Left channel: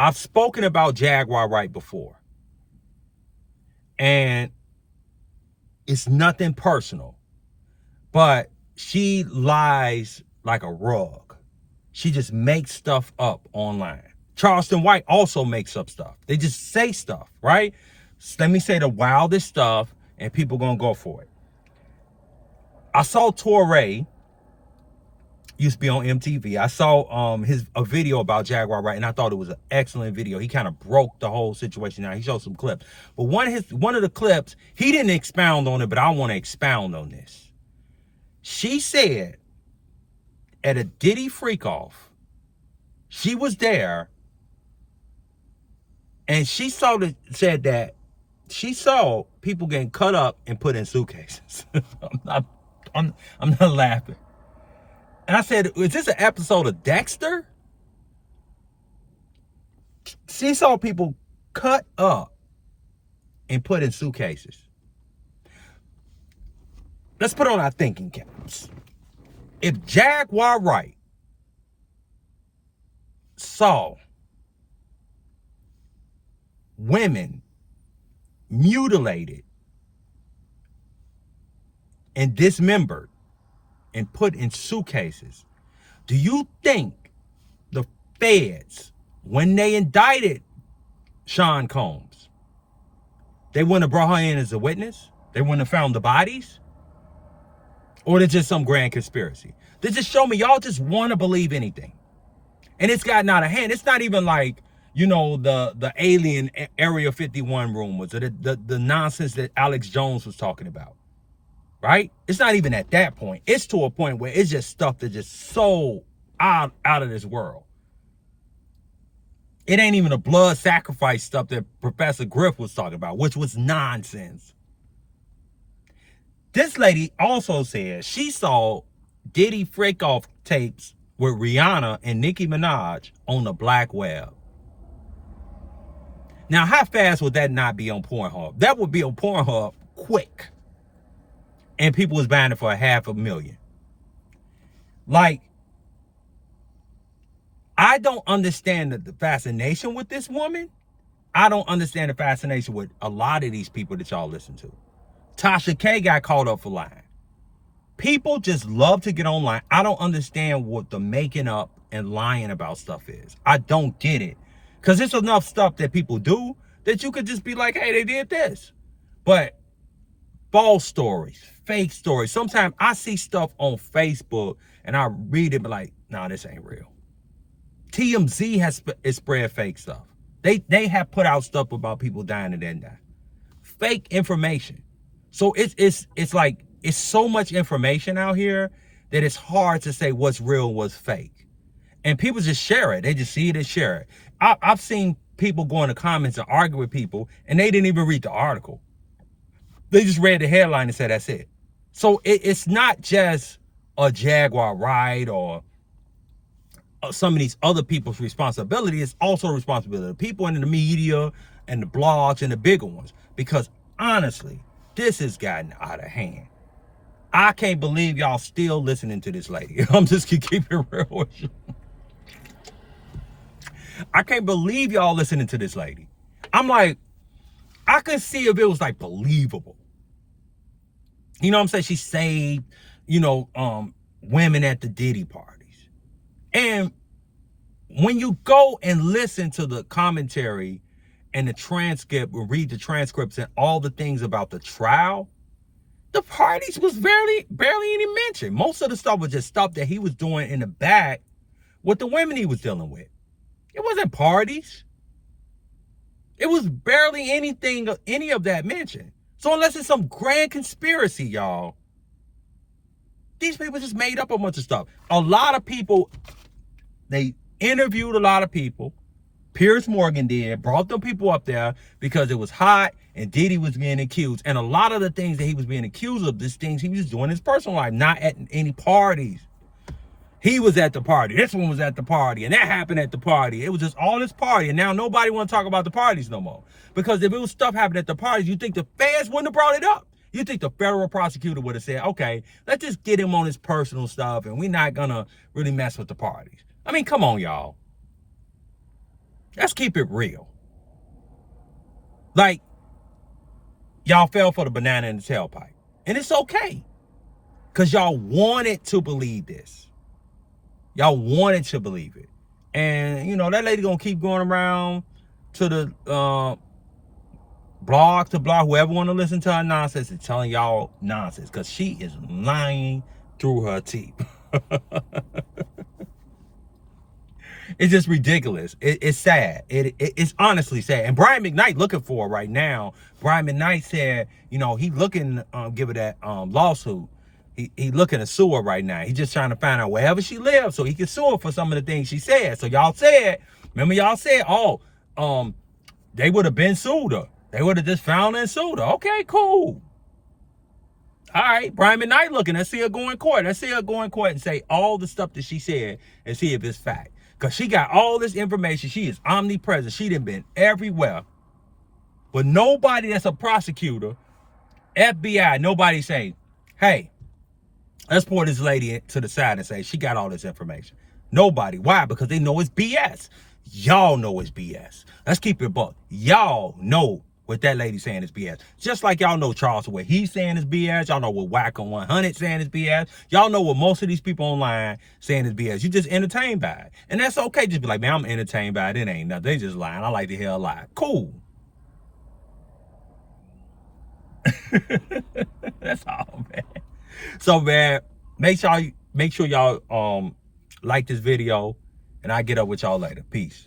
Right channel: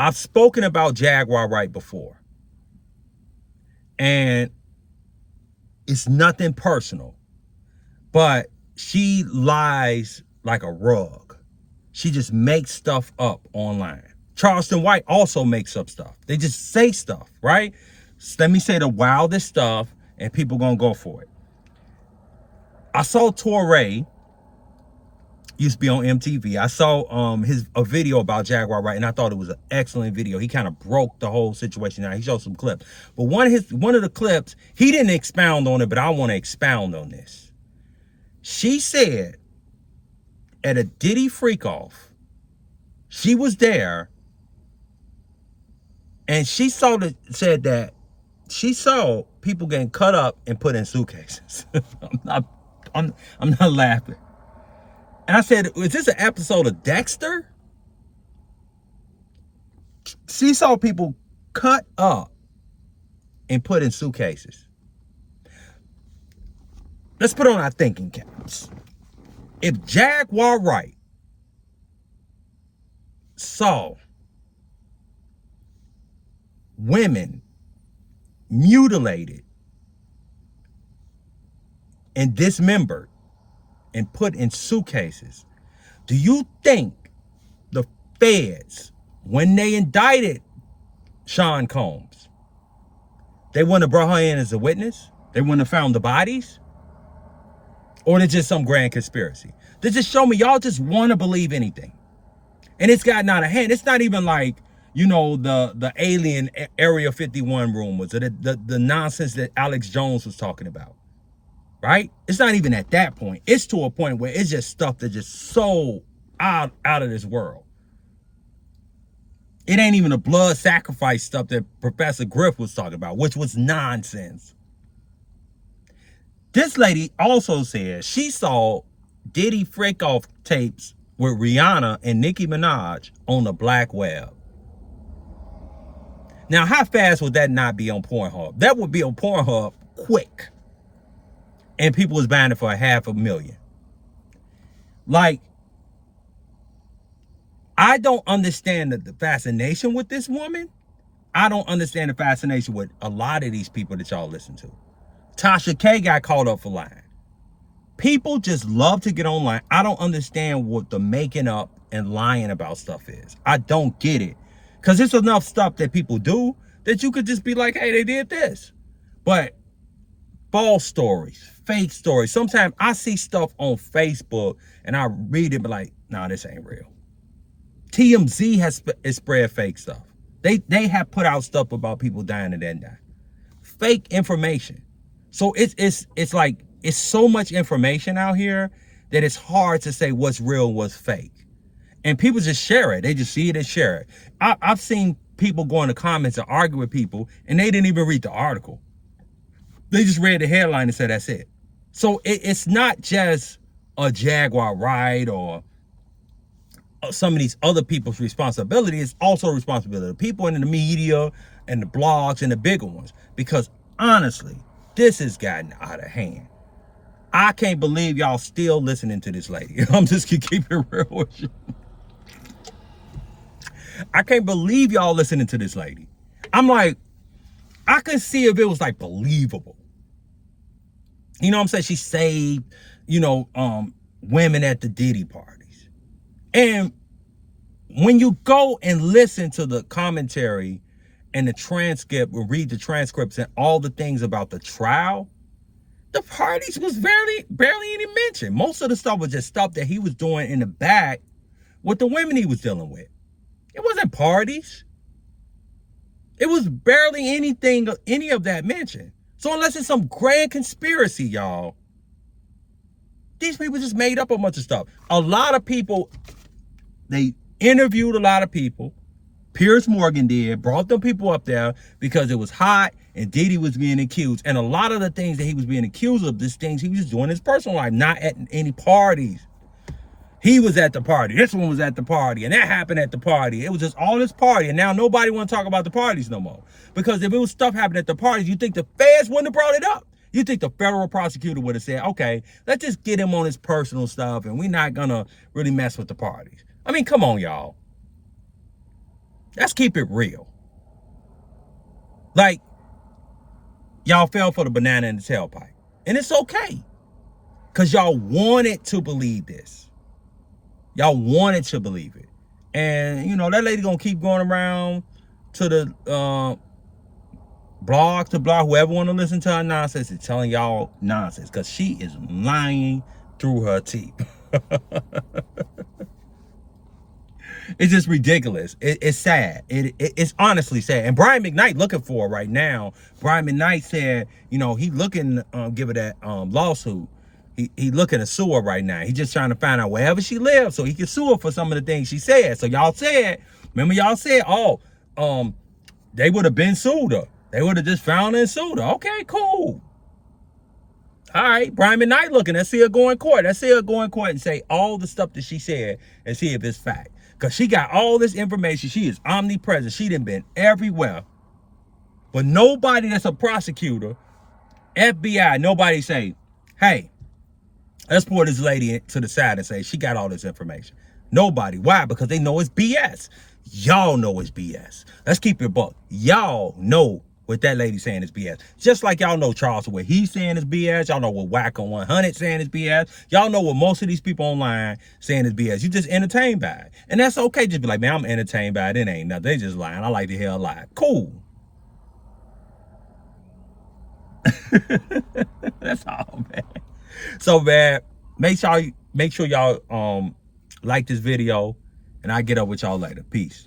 I've spoken about Jaguar Wright before, and it's nothing personal, but she lies like a rug. She just makes stuff up online. Charleston White also makes up stuff. They just say stuff, right? So let me say the wildest stuff, and people gonna go for it. I saw Torre, used to be on MTV. I saw a video about Jaguar Wright, and I thought it was an excellent video. He kind of broke the whole situation out. He showed some clips. But one of the clips, he didn't expound on it, but I want to expound on this. She said at a Diddy freak off, she was there, and she said that she saw people getting cut up and put in suitcases. I'm not laughing. And I said, is this an episode of Dexter? She saw people cut up and put in suitcases. Let's put on our thinking caps. If Jaguar Wright saw women mutilated and dismembered and put in suitcases, do you think the feds, when they indicted Sean Combs, they wouldn't have brought her in as a witness? They wouldn't have found the bodies? Or it's just some grand conspiracy? They just show me y'all just want to believe anything. And it's gotten out of hand. It's not even like, you know, the alien Area 51 rumors or the nonsense that Alex Jones was talking about. Right? It's not even at that point. It's to a point where it's just stuff that's just so out of this world. It ain't even the blood sacrifice stuff that Professor Griff was talking about, which was nonsense. This lady also said she saw Diddy freak off tapes with Rihanna and Nicki Minaj on the black web. Now, how fast would that not be on Pornhub? That would be on Pornhub quick. And people was buying it for $500,000. Like, I don't understand the fascination with this woman. I don't understand the fascination with a lot of these people that y'all listen to. Tasha K got caught up for lying. People just love to get online. I don't understand what the making up and lying about stuff is. I don't get it. Because there's enough stuff that people do that you could just be like, hey, they did this. But false stories, fake stories. Sometimes I see stuff on Facebook and I read it, but like, nah, this ain't real. TMZ has spread fake stuff. They have put out stuff about people dying and then die. Fake information. So it's like, it's so much information out here that it's hard to say what's real and what's fake. And people just share it. They just see it and share it. I've seen people go in the comments and argue with people and they didn't even read the article. They just read the headline and said, that's it. So it's not just a Jaguar Wright or some of these other people's responsibility. It's also a responsibility of people in the media and the blogs and the bigger ones. Because honestly, this has gotten out of hand. I can't believe y'all still listening to this lady. I'm just gonna keep it real with you. I can't believe y'all listening to this lady. I'm like, I could see if it was like believable. You know what I'm saying? She saved, women at the Diddy parties. And when you go and listen to the commentary and the transcript, or read the transcripts and all the things about the trial, the parties was barely any mention. Most of the stuff was just stuff that he was doing in the back with the women he was dealing with. It wasn't parties. It was barely any of that mentioned. So unless it's some grand conspiracy, y'all, these people just made up a bunch of stuff. A lot of people, they interviewed a lot of people. Piers Morgan did, brought them people up there because it was hot and Diddy was being accused. And a lot of the things that he was being accused of, these things he was just doing in his personal life, not at any parties. He was at the party. This one was at the party. And that happened at the party. It was just all this party. And now nobody want to talk about the parties no more. Because if it was stuff happening at the parties, you think the feds wouldn't have brought it up. You think the federal prosecutor would have said, okay, let's just get him on his personal stuff and we're not going to really mess with the parties. I mean, come on, y'all. Let's keep it real. Like, y'all fell for the banana in the tailpipe. And it's okay. Because y'all wanted to believe this. Y'all wanted to believe it. And, you know, that lady gonna keep going around to the blog to blog, whoever want to listen to her nonsense, and telling y'all nonsense. Because she is lying through her teeth. It's just ridiculous. It's sad. It's honestly sad. And Brian McKnight looking for her right now. Brian McKnight said, you know, he looking give her that lawsuit. He looking to sue her right now. He just trying to find out wherever she lives so he can sue her for some of the things she said. So y'all said, remember y'all said, oh, they would have been sued her. They would have just found her and sued her. Okay, cool. All right, Brian McKnight looking. Let's see her go in court. Let's see her go in court and say all the stuff that she said and see if it's fact. Because she got all this information. She is omnipresent. She done been everywhere. But nobody that's a prosecutor, FBI, nobody say, hey, let's pull this lady to the side and say she got all this information. Nobody. Why? Because they know it's BS. Y'all know it's BS. Let's keep it buck. Y'all know what that lady saying is BS. Just like y'all know Charles, what he's saying is BS. Y'all know what Wacko 100 saying is BS. Y'all know what most of these people online saying is BS. You just entertained by it. And that's okay. Just be like, man, I'm entertained by it. It ain't nothing. They just lying. I like to hear a lie. Cool. That's all, man. So, man, make sure y'all like this video, and I'll get up with y'all later. Peace.